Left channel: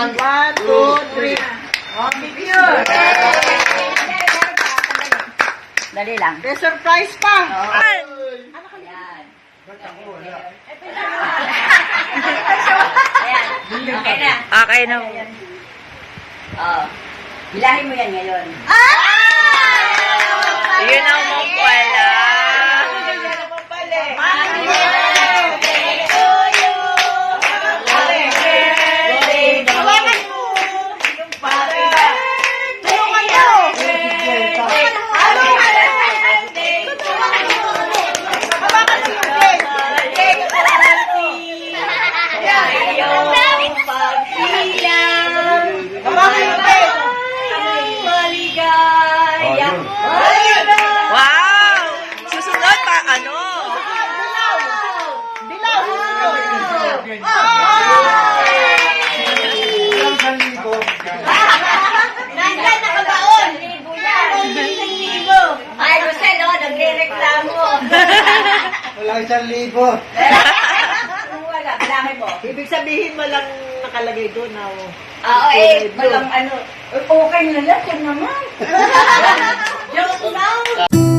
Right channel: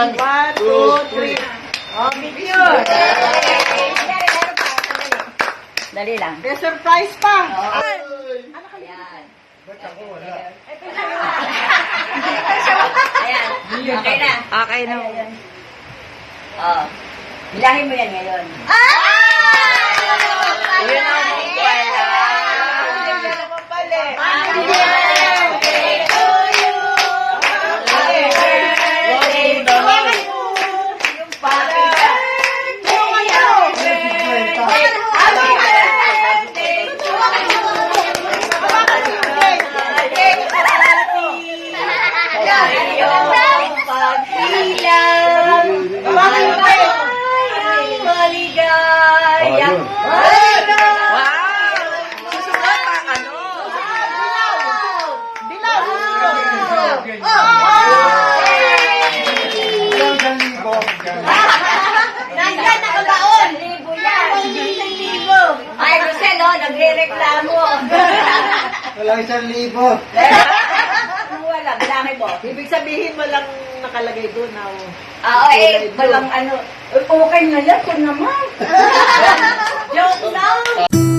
1, 2, 3. Oh, picture. Dali lang. May surprise pa. Ayan. Ba't ako wala? Ayan. Okay na. Okay na. Oh. Bilahin mo yan ngayon. Yun ang mong pala. naman pala. Wow! Susunod pa, ano? Ilang sa libo? Nandiyan nakabaon. Ay, Rosel, oh, nagre-reklamo. Wala 1,000. Wala, bilangin mo. Ibig sabihin mo lang nakalagay doon na Walang ano. Okay na yan, naman. Joke lang.